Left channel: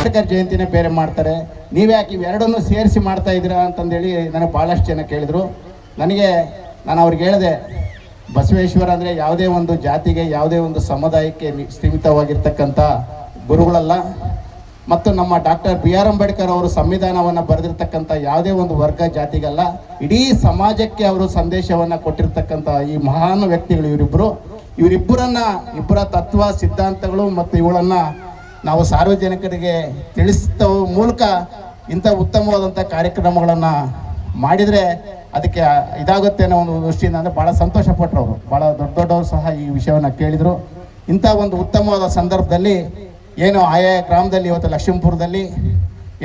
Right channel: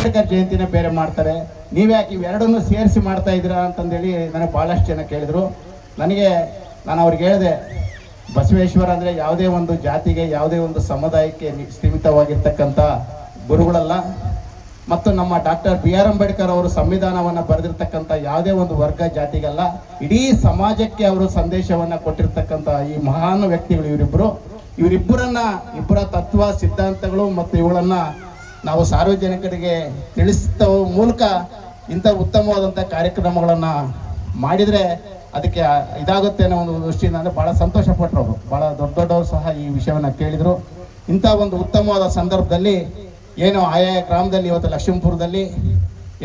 ಅಂಬೇಡ್ಕರ್ ಜಯಂತಿನೇ ಬೇರೆ ಮಾಡ್ತಾರೆ, ನೀವ್ಯಾಕೆ ಇವೆರಡನ್ನೂ ಸೇರಿಸಿ ಮಾಡ್ತಾ ಇದ್ದೀರಾ ಅಂತಂದೇಳಿ ನನಗೆ ಭಾಳಷ್ಟು ಜನ ಕೇಳಿದರು. ನಾನು ಅವ್ರಿಗೆ ಹೇಳಿದೆ, ಬಸವೇಶ್ವರ ಅಂದರೆ ಯಾವುದೇ ಒಂದು ಜಾತಿಗೆ, ಯಾವುದೇ ಒಂದು ಸಮುದಾಯಕ್ಕೆ ಸೀಮಿತವಾಗಿರ್ತಕ್ಕಂಥ ಗುರುಗಳಲ್ಲ. ಮತ್ತು ನಮ್ಮ ಡಾಕ್ಟರ್ BR ಅಂಬೇಡ್ಕರ್ ಅವರು ಸಂವಿಧಾನವನ್ನು ಬರೆದಿರ್ತಕ್ಕಂಥ ಯಾವುದೇ ಒಂದು ವರ್ಗ ಜಾತಿಗಲ್ಲ, ಇಡೀ ಸಮಾಜಕ್ಕೆ ಅವರು ಸಂದೇಶವನ್ನು ಕೊಟ್ಟಿರ್ತಕ್ಕಂಥ ಈ ಮಹಾನ್ ವ್ಯಕ್ತಿಗಳು ಇಬ್ಬರ ತತ್ವ ಸಿದ್ಧಾಂತಗಳು ಮತ್ತು ಇವುಗಳನ್ನು ನಾವು ಸಾರ್ವಜನಿಕರಿಗೆ ತಿಳಿಸಿದ ಮೂಲಕ ಇಂಥ ಉತ್ತಮವಾದಂಥ ಕಾರ್ಯಕ್ರಮಗಳನ್ನು ಮಾಡಿದರೆ ಅದಕ್ಕೆ ಇದಾಗುತ್ತೆ ಅನ್ನೋ ಒಂದು ದೃಷ್ಟಿಯಿಂದ ಅಂದರೆ ಭಾಳ ಸಂತೋಷಪಟ್ಟರು ಅವರು. ಭಾಳ ದೊಡ್ಡವರು ಸಹ ಈ ವಿಷಯವನ್ನು ಕೇಳಿದರು. ಇಂಥ ಒಂದು ಉತ್ತಮವಾದ ಸಂದರ್ಭದಲ್ಲಿ ಏನು ಆಯಾ ಗ್ರಾಮದಲ್ಲಿ ಇವತ್ತು ಲಕ್ಷ್ಮೀಪುರದಲ್ಲಿ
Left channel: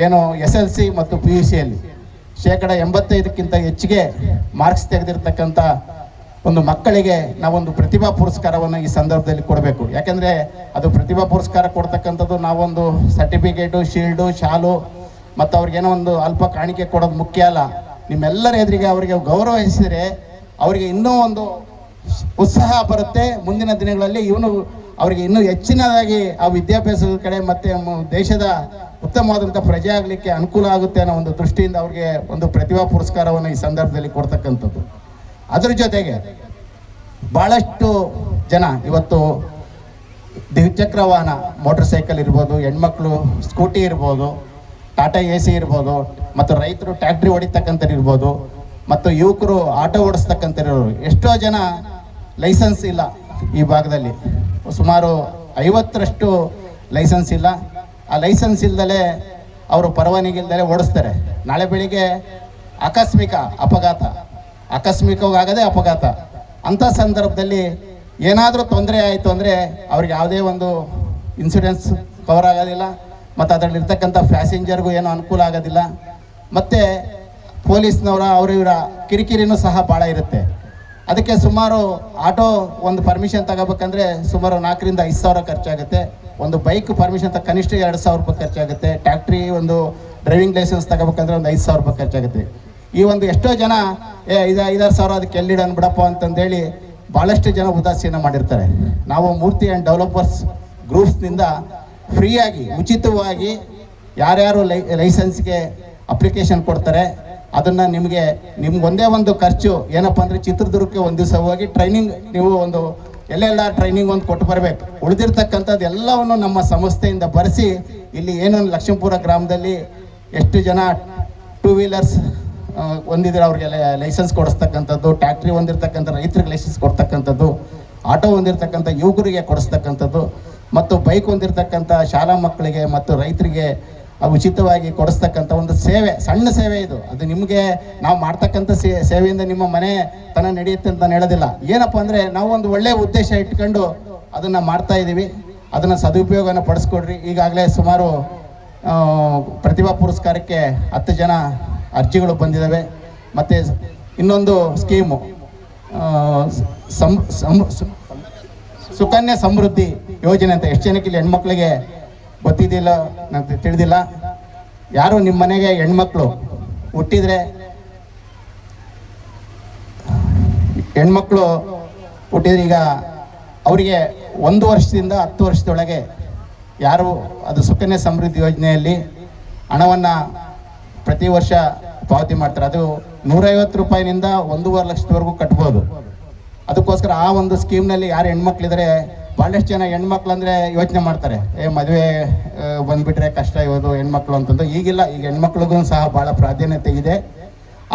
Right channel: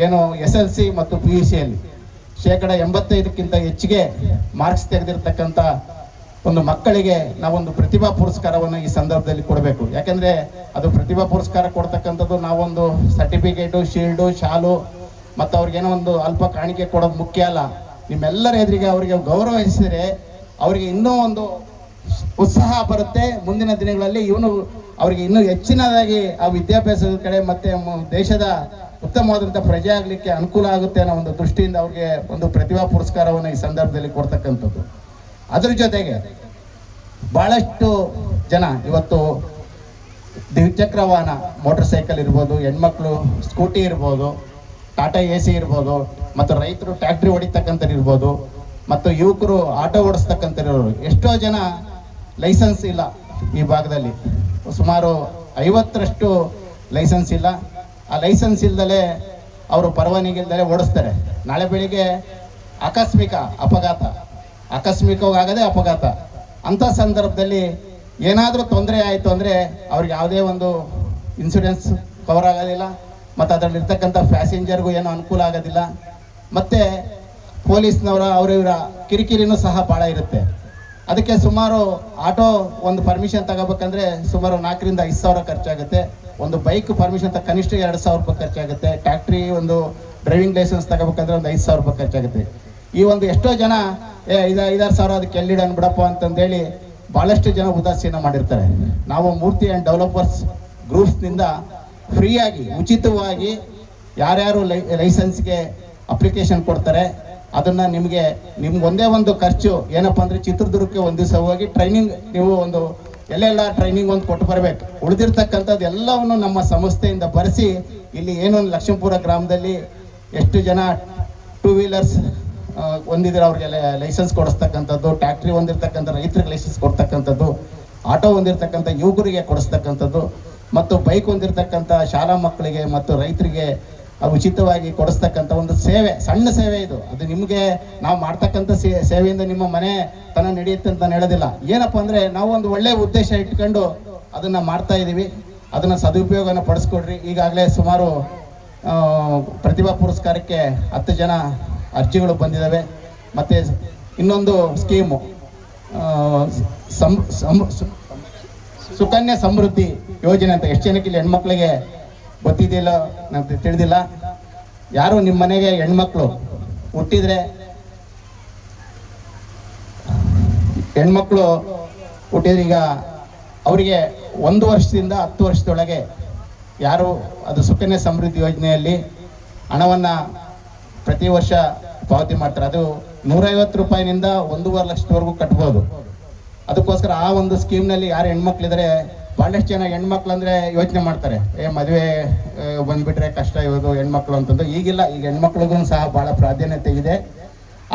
ಏನು SLC ಮತ್ತು PUCಯಲ್ಲಿ 85% ಹೆಚ್ಚಿಗೆ ಮಾರ್ಕ್ಸ್ ತೆಗೆದಿರ್ತಕ್ಕಂಥ ಒಂದು ಮಕ್ಕಳಿಗೆ ನಾವೊಂದು ಪ್ರತಿಭಾ ಪುರಸ್ಕಾರವನ್ನು ಈ ಸಂದರ್ಭದಲ್ಲಿ ಕೊಡಬೇಕು. ಯಾಕೆಂದರೆ ಅದು ಪ್ರತಿಭಾ ಪುರಸ್ಕಾರ ಕೊಡ್ತಕ್ಕಂಥದ್ದು ನಾವೊಂದು ಸರ್ಟಿಫಿಕೇಟು, ಶೀಲ್ಡು, ಶಾಲು ಮತ್ತು ಅವ್ರಿಗೇನೋ ಒಂದು ಅಲ್ಪ ಕಾಣಿಕೆ ಕೊಡೋದು ಮುಖ್ಯ ಅಲ್ಲ. ನಿಮ್ಮೆಲ್ಲರ ಎದುರಿಗೆ ಅವರಿಗೆ ಗೌರವಿಸಿದರೆ ಅವರಿಗೆ ಇನ್ನೂ ಒಂದು ಉತ್ಸಾಹ ಬರುತ್ತೆ. ಮುಂದಿನ ದಿನಗಳಲ್ಲಿ ಅವರಿಗೆ ಇನ್ನೂ ಹೆಚ್ಚಿನದಾಗಿ ಆ ವಿದ್ಯಾಭ್ಯಾಸದ ಕಡೆ ಮತ್ತು ದೇಶದ ಉತ್ತಮವಾದಂಥ ಪ್ರಜೆ ಆಗಲಿಕ್ಕೆ ಅನುಕೂಲ ಆಗುತ್ತೆ ಅನ್ನೋ ಒಂದು ದೃಷ್ಟಿಯಿಂದ ಅವ್ರಿಗೆ ಒಂದು ಪ್ರತಿಭಾ ಪುರಸ್ಕಾರವನ್ನು ಈ ಸಂದರ್ಭದಲ್ಲಿ ಕೊಡ್ತಕ್ಕಂಥದ್ದು. ಅದರ ಜೊತೆಗೆ ಭಾಳಷ್ಟು ಜನ ಇವತ್ತು ದ್ವಿಚಕ್ರ ವಾಹನ, ಮೋಟರ್ ಸೈಕಲ್ ಇರ್ಬೋದು, ಹೆಣ್ಮಕ್ಳು ಸ್ಕೂಟಿ ಇರ್ಬೋದು, ಟಾಟಾ AC ಇರ್ಬೋದು, ಮತ್ತು ರೈತರು ಟ್ಯಾಕ್ಟ್ರಿ ಹೊಡಿತಕ್ಕಂಥವ್ರು ಇರ್ಬೋದು, ಮತ್ತು ಯುವಕರು ಆಟೋ ಓಡಿಸ್ತಕ್ಕಂಥವ್ರು, ಎಷ್ಟೋ ಜನ ಲೈಸೆನ್ಸ್ ಇಲ್ಲ. ಈ ಭಾಗದಲ್ಲಿ ಸುಮಾರು 50ರಷ್ಟು ಲೈಸೆನ್ಸ್ ಇಲ್ಲ. ಆ ಲೈಸೆನ್ಸ್ ಇಲ್ದಲೇ ಅವರು ಪರವಾನಗಿ ಇಲ್ದಲೇ ಓಡಿಸ್ತಾರೆ. ನಾಳೆ ಬೆಳಿಗ್ಗೆ ಆಕಸ್ಮಿಕವಾಗದೆ ಅಪಘಾತ. ಅಂಥ ಸಂದರ್ಭದಲ್ಲಿ ಏನಾದರೂ ತೊಂದರೆ ಆಯಿತು ಅಂದರೆ ಅವ್ರಿಗೆ ಯಾವುದೇ ಒಂದು ಇನ್ಸೂರೆನ್ಸ್ ಕವರ್ ಆಗೋದಿಲ್ಲ, ಮತ್ತು ಅದರಲ್ಲಿರ್ತಕ್ಕಂಥ ಪ್ಯಾಸೆಂಜರ್ಗೂ ಏನೂ ಅನುಕೂಲ ಆಗೋದಿಲ್ಲ. ಮತ್ತು ಪೊಲೀಸ್ನವರ ಇವರ ಕಿರಿಕಿರಿನೂ ಸಹ ಭಾಳ ಇರುತ್ತೆ. ಅದಕ್ಕೆ ಸುಮಾರು ಆಟೋ ಒಂದು ಪರ್ಮಿಷನ್ ತಗೋಬೇಕಂದ್ರೆ ಸುಮಾರು 4,000 ರಿಂದ 5,000 ಖರ್ಚಾಗುತ್ತೆ. ಒಂದು ಬೈಕ್ ಪರ್ಮಿಷನ್ ಕನಿಷ್ಠ 2,000 ರೂಪಾಯಿ ಖರ್ಚಾಗುತ್ತೆ. ಟ್ಯಾಕ್ಟ್ರಿ ಒಂದು ಡ್ರೈವಿಂಗ್ ಲೈಸೆನ್ಸ್ ತಗೋಬೇಕಂದ್ರೆ ಒಂದು 5,000 ರೂಪಾಯಿ ಖರ್ಚಾಗುತ್ತೆ. ಈ ಒಂದು ಎಷ್ಟೋ ಜನ 5,000 ಅದಕ್ಕೆ ಎಲ್ಲಿಡೋಣ ಬಿಡಪ್ಪ ಅಂತಂದೇಳಿ ಭಾಳಷ್ಟು ಜನ ಉದಾಸೀನ ಮಾಡಿರ್ತಾರೆ. ನಾವು ಮೂರ್ತಿ ಆ್ಯಂಡ್ ಡೆವಲಪರ್ಸ್ ಗ್ರೂಪ್ಸ್ನಿಂದ ಫ್ರೀಯಾಗಿ ಉಚಿತವಾಗಿ ಯಾರ್ಯಾರು ಲೈಸೆನ್ಸ್ಗೆ ಅಪ್ಲಿಕೇಶನ್ ಕೊಡ್ತಾರೆ ಅದನ್ನು ನಿಮ್ಗೆ ಒಂದೇ ಒಂದು ಖರ್ಚು ಏನಪ್ಪ ಅಂದರೆ ಚಿತ್ರದುರ್ಗಕ್ಕೆ ಒಂದು ದಿವಸ ಹೋಗಿ ಟ್ರೈನಿಂಗ್ ನೀವು ಒಂದು ಎಲ್ಲೆಲ್ಲ ಟ್ರೈನಿಂಗ್ ಒಂದು ಕೊಟ್ಟು ಬರಬೇಕು. ಉಳಿದಿರ್ತಕ್ಕಂಥದ್ದು ಎಲ್ಲವನ್ನು ನಮ್ಮ ಸಂಸ್ಥೆಯಿಂದ ಬರೆಸಿ ಇಲ್ಲಿ ಏನೊಂದು ಲಕ್ಷ್ಮೀಪುರ ಗ್ರಾಮದಲ್ಲಿ ಎಷ್ಟು ಜನ 2 ವೀಲರ್ಸ್ ಹೊಂದಿದ್ರೆ ಅವ್ರಿಗೆ ಲೈಸೆನ್ಸ್ ಕೊಡಿಸ್ತಕ್ಕಂಥದ್ದು, ಟ್ಯಾಕ್ಟ್ರಿ ಹೊಂದಿರ್ತಕ್ಕಂಥ ರೈತರಿಗೆ ಲೈಸೆನ್ಸ್ ಕೊಡ್ತಕ್ಕಂಥದ್ದು, ಆಟೋ ಹೊಂದಿರ್ತಕ್ಕಂಥ ಯುವಕರಿಗೆ ಕೊಡಿಸ್ತಕ್ಕಂಥದ್ದು, ಮತ್ತು ಬೈಕ್ ಹೊಂದಿರ್ತಕ್ಕಂಥ ಶಾಲಾ ಮಕ್ಕಳಿಗೆ ಮತ್ತು ರೈತರಿಗೆ ಉಚಿತವಾಗಿ ಕೊಡಿಸ್ತಕ್ಕಂಥ ಒಂದು ಸೇವೆ, ಸಣ್ಣ ಸೇವೆ ಇದು. ಅದು ನಿಮಗೆ ನಾವು ಮಾಡ್ತಕ್ಕಂಥ ಸೇವೆಯಿಂದ ನಿಮ್ಮ ಮನೆ ತನ ನಡೆಯುತ್ತೆ ಅಂತ ಹೇಳೋದಿಲ್ಲ. ಏನಪ್ಪ ಅಂದರೆ ನಾವು ಒಂದು ಒಳ್ಳೆಯ ಉದ್ದೇಶ ಇಟ್ಕೊಂಡು ಅದನ್ನು ಮಾಡ್ತಾ ಇದ್ದೀವಿ. ಅದನ್ನು ಸದುಪಯೋಗನ ಪಡಿಸ್ಕೊಡ್ರಿ. ಈಗಾಗಲೇ ಸುಮಾರು ಪ್ರತಿಭಾ ಪುರಸ್ಕಾರಕ್ಕೆ 10 ಜನ ಅರ್ಜಿಗಳು ಬಂದಿದ್ದಾವೆ. ಮತ್ತು ಇನ್ನೊಂದು ಸ್ಕೀಮು ಸುಕನ್ಯಾ ಸಮೃದ್ಧಿ ಯೋಜನೆ ಅಂತ ಎಷ್ಟು ಜನಕ್ಕೆ ಇಲ್ಲಿ ಹೆಣ್ಮಕ್ಳಿಗೆ ಗೊತ್ತಿದ್ದಿಲ್ಲ, ನಂಗೆ ತಿಳಿದಿಲ್ಲ. ಯಾರು ನಿಮ್ಮ ಮನೆಗೆ ಹೆಣ್ಮಕ್ಳು ಹುಟ್ಟಿದ್ರೆ ಈಗ ಅವರಿಗೆ 1 ವರ್ಷದಿಂದ 10 ವರ್ಷದೊಳಗೆ ಯಾರು ಅದು ಸುಕನ್ಯಾ ಸಮೃದ್ಧಿ ಯೋಜನೆಯಲ್ಲಿ ಹಣವನ್ನು ಪ್ರತಿ ವರ್ಷ ಪಾವತಿ ಮಾಡ್ತಾರೆ. ಅದು 150 ರೂಪಾಯಿನಿಂದ 1.5 ಲಕ್ಷದವರೆಗೂ ಕಟ್ಬೋದು. ಅದಕ್ಕೋಸ್ಕರ ಆ ಒಂದು ಸ್ಕೀಮ್ನಲ್ಲಿ ಯಾರು ಹೆಣ್ಮಕ್ಳಿದ್ರೆ ಭಾಳಷ್ಟು ಜನ ಹೆಣ್ಮಕ್ಳು ಅಂದರೆ ಯೋಚನೆ ಮಾಡ್ತಾರೆ, ಮದುವೆ ಬಂದುಬಿಟ್ರೆ ಕಷ್ಟ ಇರೋದು ಹೆಣ್ಮಕ್ಳು ಅಂತಂದು. ಈಗಿಲ್ಲ, ಈಗ ಹೆಣ್ಮಕ್ಳಿಗೂ ಸಹ ಭಾಳ ಪ್ರಾಧಾನ್ಯತೆ ಇದೆ.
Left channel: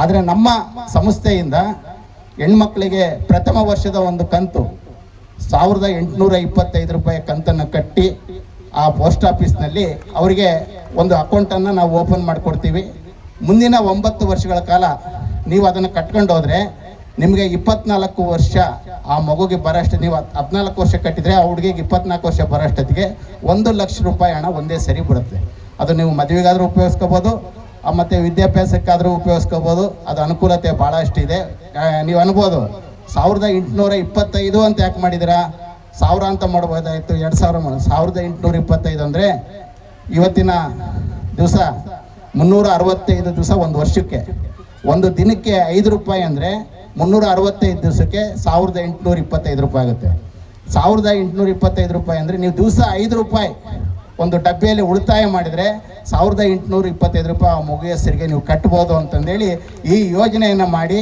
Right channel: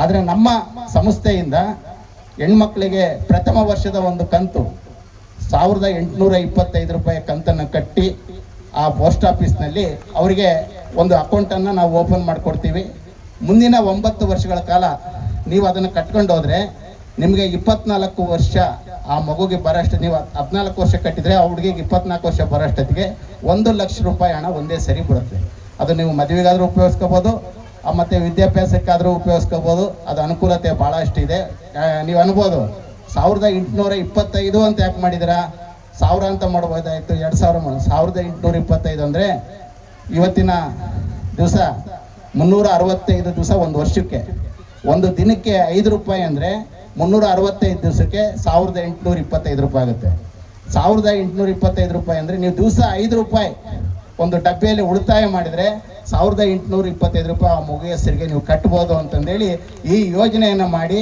ಆದರೆ ನಮ್ಮ ಸಂಸ್ಥೆಯಿಂದ ಹೆಣ್ಮಕ್ಳಿಗೆ ಪ್ರಥಮ ವರ್ಷದ ಒಂದು ಕಂತು 1,825 ರೂಪಾಯಿ ಕಂತನ್ನು ಕಟ್ಟಿ ಆ ಪೋಸ್ಟ್ ಆಫೀಸ್ನಲ್ಲಿ ಅವರಿಗೆ ಒಂದು ಅಕೌಂಟನ್ನು ನಾವು ಓಪನ್ ಮಾಡಿಕೊಡ್ತೀವಿ. ಮುಂದಿನ 9 ವರ್ಷಗಳ ಕಾಲ ನೀವು ಅದನ್ನು ಕಟ್ಕೊಂಡು ಹೋದರೆ ನಿಮಗೆ 24 ವರ್ಷ ಆ ಮಗುಗೆ ಬರೋಷ್ಟು, ನೀವು 14 ವರ್ಷ ಕಟ್ಟಿದರೆ ಆ ಹುಡುಗಿಗೆ 24 ವರ್ಷ ಬರೋಷ್ಟೊತ್ತಿಗೆ 1 ಲಕ್ಷ ರೂಪಾಯಿ ಹಣ ಒಂದೇ ಸರಿ ಬಿಡುತ್ತೆ. ಅದು ನೀವು ಮದುವೆಗಾದರೂ ಉಪಯೋಗಿಸ್ಕೋಬೋದು, ಮತ್ತು ವಿದ್ಯಾಭ್ಯಾಸಕ್ಕಾದರೂ ಉಪಯೋಗಿಸ್ಕೋಬೋದು. ಅದು ಅನುಕೂಲತೆ ಭಾಳಷ್ಟಿದೆ. ನೀವು ಅನ್ಬೋದು 1,825 ಅಂತ ಯಾಕೆ ಮಾಡಿದ್ದೀರಾ, 1,000 ಅಂತ ಮಾಡ್ಬೋದಾಯಿತು, 2,000 ಮಾಡಿ. 1,825 ಅಂದರೆ ಇವತ್ತಿನ ದಿವಸ 365 ದಿವಸ ಒಂದು ವರ್ಷಕ್ಕೆ, ಒಂದು ದಿನಕ್ಕೆ 5 ರೂಪಾಯಿ ಅಂದರೆ 365 ದಿವಸಕ್ಕೆ 1,825 ರೂಪಾಯಿ ಆಗುತ್ತೆ. 1,825 ರೂಪಾಯಿ ಅಂದರೆ ನೀವು ದಿವಸ 5 ರೂಪಾಯಿ ಒಂದು ಡಬ್ಬಿಯಲ್ಲಿ ಉಳಿತಾಯ ಮಾಡಿದರೆ 1825 ರೂಪಾಯಿ ಆ ಮಗು ಹೆಸರಿಗೆ ನೀವು ಕಟ್ಬೋದು ಅಂತಂದೇಳಿ ಈ ಯೋಜನೆಯನ್ನು ಮಾಡಿ,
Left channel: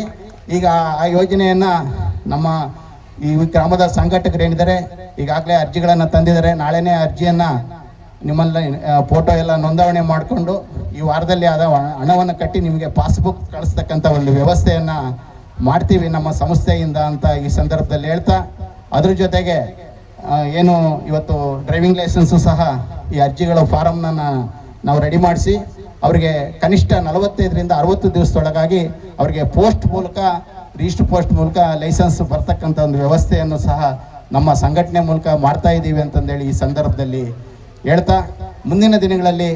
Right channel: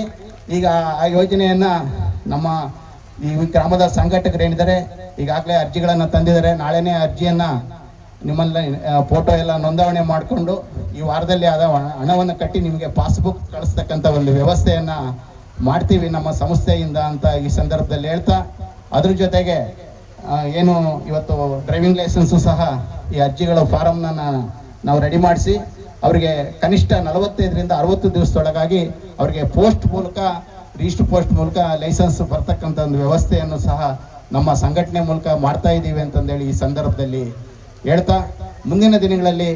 ಈಗ ಆ ಯೋಜನೆಯನ್ನು ನಮ್ಮ ಈ ಗ್ರಾಮದ ಸಂಘಟಕರೇನಿದ್ದಾರೆ ಈಗಾಗಲೇ ಅರ್ಜಿಗಳನ್ನು ತಂದಿದ್ದಾರೆ. ನಾಳೆನೇ ಅರ್ಜಿಯನ್ನು ನಿಮ್ಮಲ್ಲಿ ಫೋಟೋ ಎಲ್ಲ ನೋಂದಣಿ ಮಾಡಿಕೊಂಡು ಈ ವಾರದಲ್ಲಿ ಆದ ಹಣವನ್ನು ಕಟ್ಟಿ ನಿಮಗೆ ಪಾಸ್ಬುಕ್ ಕಳಿಸ್ತಕ್ಕಂಥ ಒಂದು ವ್ಯವಸ್ಥೆಯನ್ನು ಮಾಡ್ತೀವಿ ನಮ್ಮ ಸಂಸ್ಥೆಯಿಂದ ಅಂತ ಈ ಸಂದರ್ಭದಲ್ಲಿ ಹೇಳ್ತಾ, ಅದ್ರ ಜೊತೆಗೆ ಏನು ಇವತ್ತು ಡ್ರೈವಿಂಗ್ ಲೈಸೆನ್ಸು ಸಹ ಈ ಅರ್ಜಿಗಳ ಫಾರಮ್ನ ನಾವು ರೆಡಿ ಮಾಡಿಸಿ ಅವರಿಗೆ ಕನಿಷ್ಠ 45ರಿಂದ 60 ದಿವಸದೊಳಗಾಗಿ ಅವರಿಗೆ ಪೋಸ್ಟ್ ಮೂಲಕ, ರಿಜಿಸ್ಟರ್ ಪೋಸ್ಟ್ ಮೂಲಕ ಲೈಸೆನ್ಸ್ ಬರ್ತಕ್ಕಂಥ ಒಂದು ವ್ಯವಸ್ಥೆಯನ್ನು ಸಹ ನಮ್ಮ ಸಂಘಟನೆ ಮೂಲಕ ಮಾಡ್ತಾ ಇದ್ದೀವಿ ಅಂತಂದೇಳಿ ಈ ಸಂದರ್ಭದಲ್ಲಿ ಹೇಳ್ತಾ, ಮುಂದಿನ ದಿನಗಳಲ್ಲಿ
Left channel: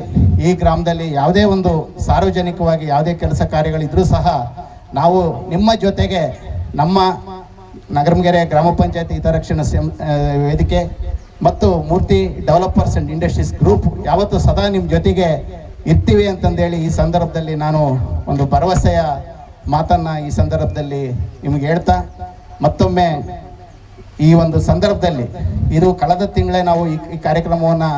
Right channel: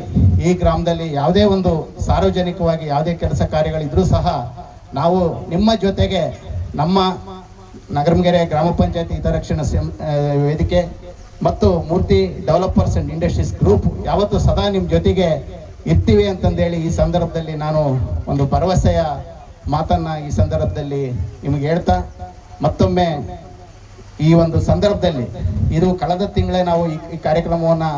ಈ ಗ್ರಾಮದಲ್ಲಿ ಯಾವುದೇ ಒಂದು ಸಾರ್ವಜನಿಕವಾಗಿ ಯಾವುದೇ ಕೆಲಸ ಕಾರ್ಯಗಳಿದ್ರೂ ಸಹ ನಾವು ನಿಮ್ಮ ಜೊತೆಗೆ ನಮ್ಮ ನಗರಮಗೆರೆ ಗ್ರಾಮ ಪಂಚಾಯತಿ ಹಿತರಕ್ಷಣಾ ವೇದಿಕೆ ಮತ್ತು ಮೂರ್ತಿ ಡೆವಲಪರ್ಸ್ ಆ್ಯಂಡ್ ಇಂಡಸ್ಟ್ರೀಸ್ ಗ್ರೂಪ್ ಯಾವತ್ತೂ ಸದಾ ನಿಮ್ಮ ಜೊತೆಗೆ ಇರ್ತೀವಿ ಅಂತಂದೇಳಿ ಈ ಸಂದರ್ಭದಲ್ಲಿ ನಾನು ಒಂದು ಭರವಸೆಯ ಮಾತನ್ನು ಈ ಸಂದರ್ಭದಲ್ಲಿ ನಿಮಗೆ ಹೇಳ್ತಾ, ಮತ್ತೊಮ್ಮೆ ಈ ಒಂದು ಸಂದರ್ಭದಲ್ಲಿ ಇದು ಕಳೆದ ತಿಂಗಳೇ ನಾವು ಈ ಕಾರ್ಯಕ್ರಮವನ್ನು